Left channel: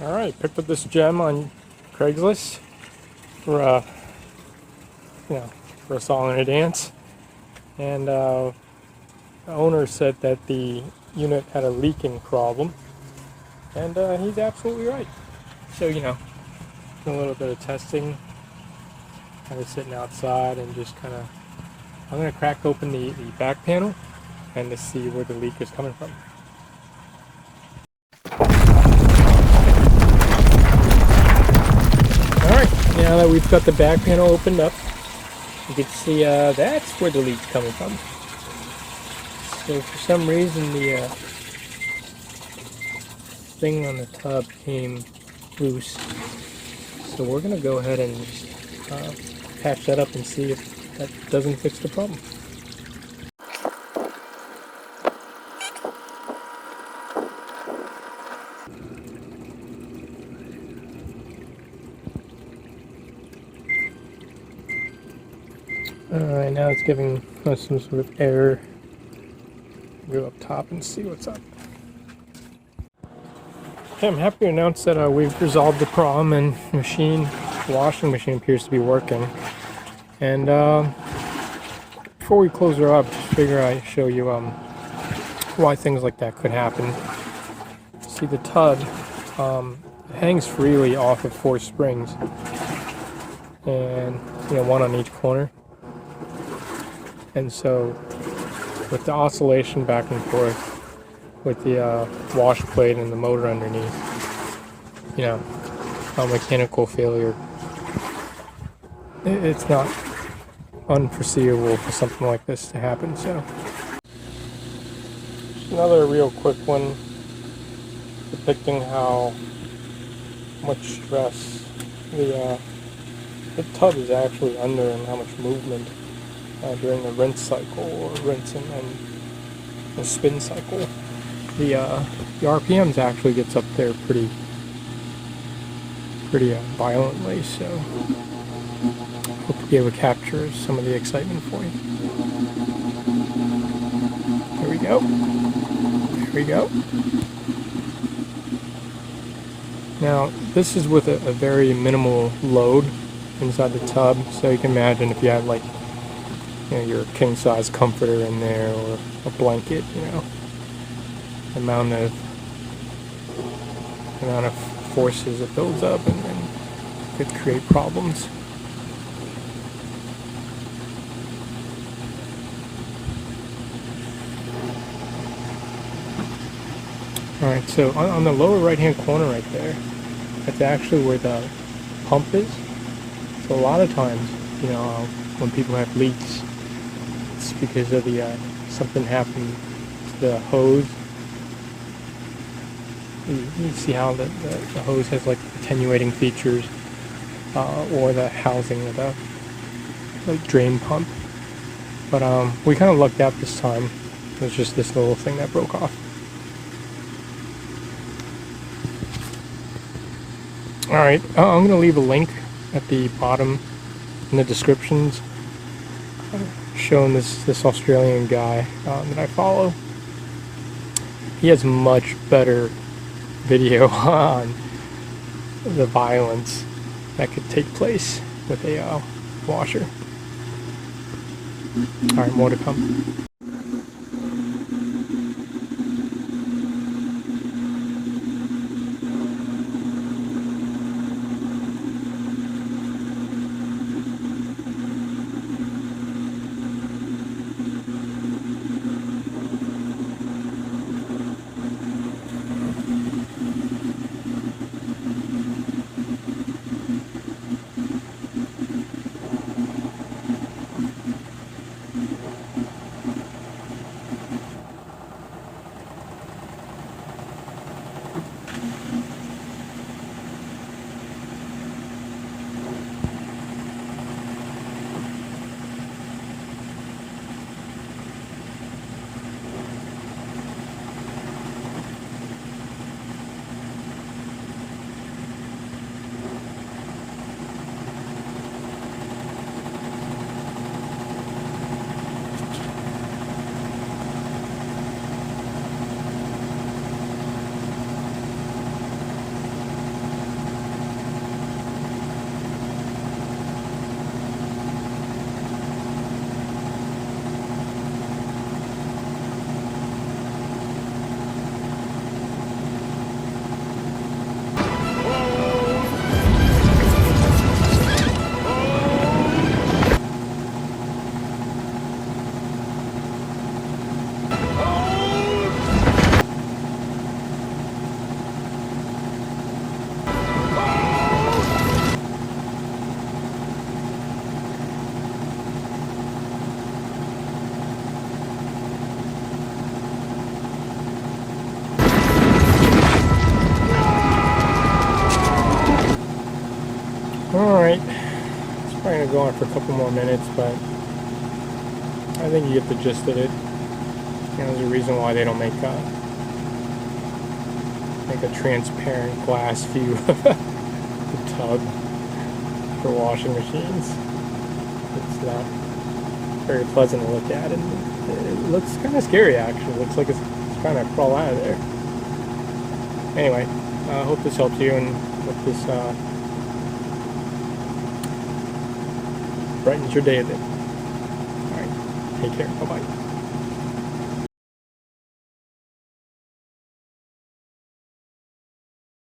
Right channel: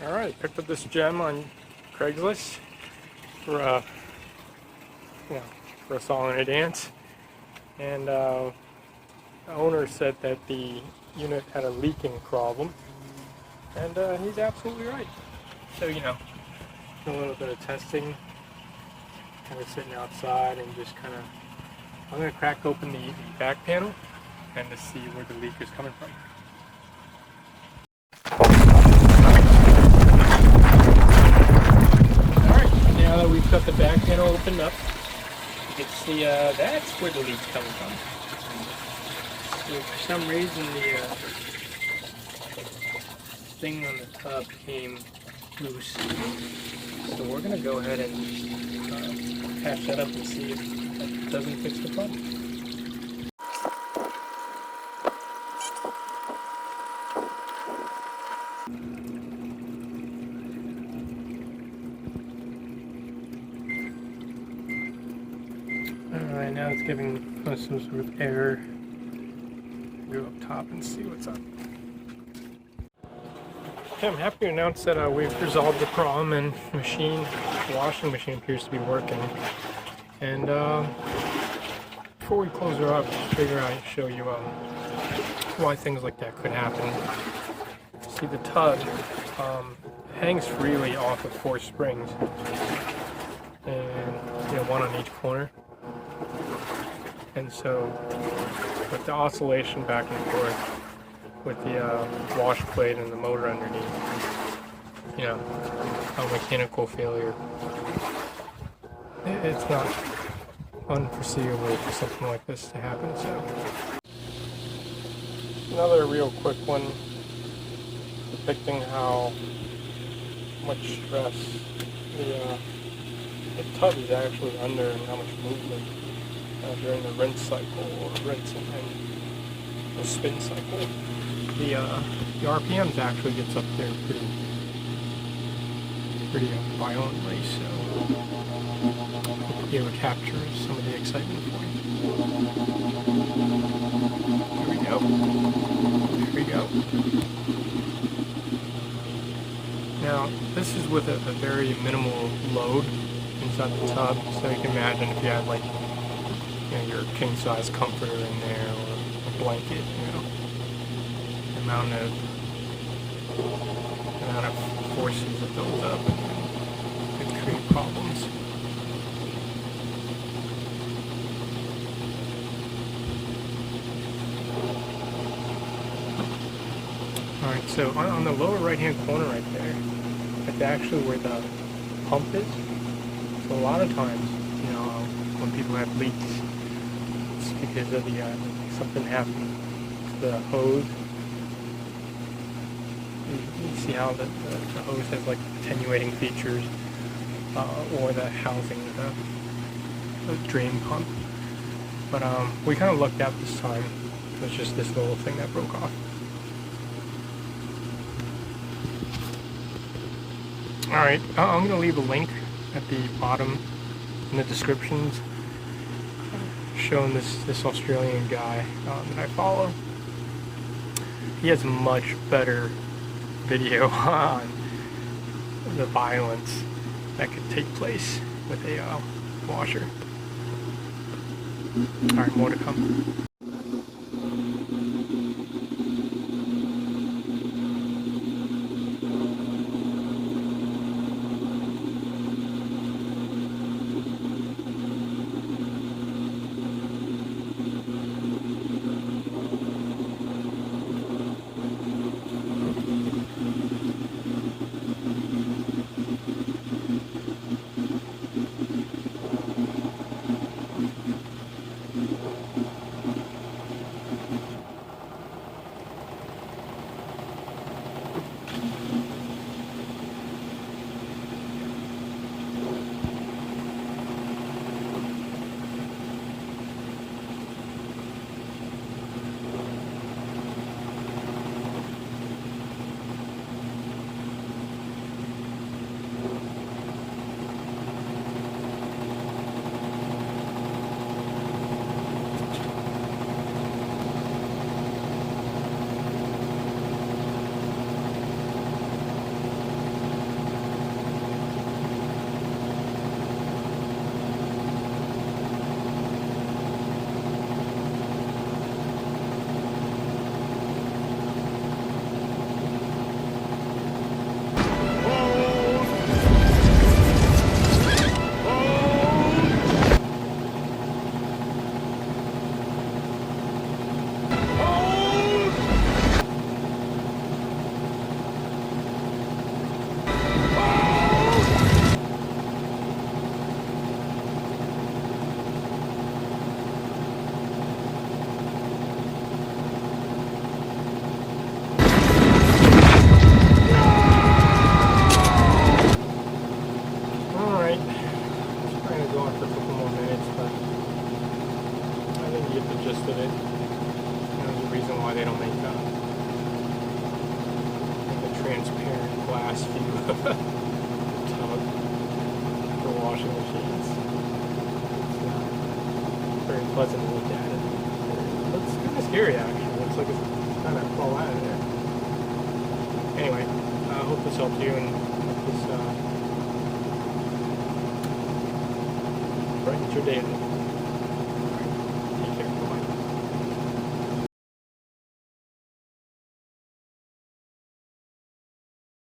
Alright, picked up this gem on Craigslist for for a song and a dance, and the owner said that the unit had a leaking problem, and he's absolutely right. So a little bit of testing, kind of sitting outside and just I'm going to crack open the back panel and to see where the leak is coming from. Now that we've got the back panel opened up, you can see that's where the leak's coming from. So for some reason the thing on the tub came loose. So we're going to go ahead and just patch that up and see if that doesn't fix the problem. Alright, now it's giving us some sort of error. Go up top and see what's up. Okay, I'm happy to announce that we've resolved the problem and the washing machine appears to be working. And before we close her up, just figure I'd show you why things like that could happen. See, the tub hangs freely off of 4 springs, and one on each corner. And so, with the oscillation back and forth, with the wash plate and the motor underneath, a mechanical failure, it's not unforeseeable for something like this to happen. So, another real quick one, depicting how much stress the tub is actually under and how much movement during the rinse cycle, or rinse and the spin cycle. The RPMs actually gets up there pretty violently, so hope to be able to capture some of the excitement for you. Here we go. Here we go. Now, this is with a very minimal load inside the tub, so you can imagine if you had your king-size comforter in there, or a blanket, the amount of forces it builds up and could create problems. Alright, so on the lower right-hand corner right there, that's actually where the pump is. So a lot of times, when people have leaks, it's because of something happened to the hose. You see how the hose has attenuating features, or the housing of the drain pump. But we kind of lucked out this time. It was just this little thing that broke off. Alright, I'm going to leave a link at the bottom in the descriptions showing this Australian guy that I follow. He has much better video on the violence that could take place with a washer. Alright, more to come. on it for a couple more minutes, but I think you get the gist of it. There's a reason why they don't make a transparent glass view of the tub for washing machines. It's not very pleasant to look at. It looks kind of scary, actually. It looks like it's trying to crawl out of there. Anyway, I hope this helps you and hope this brightens your day a bit. All right, take care.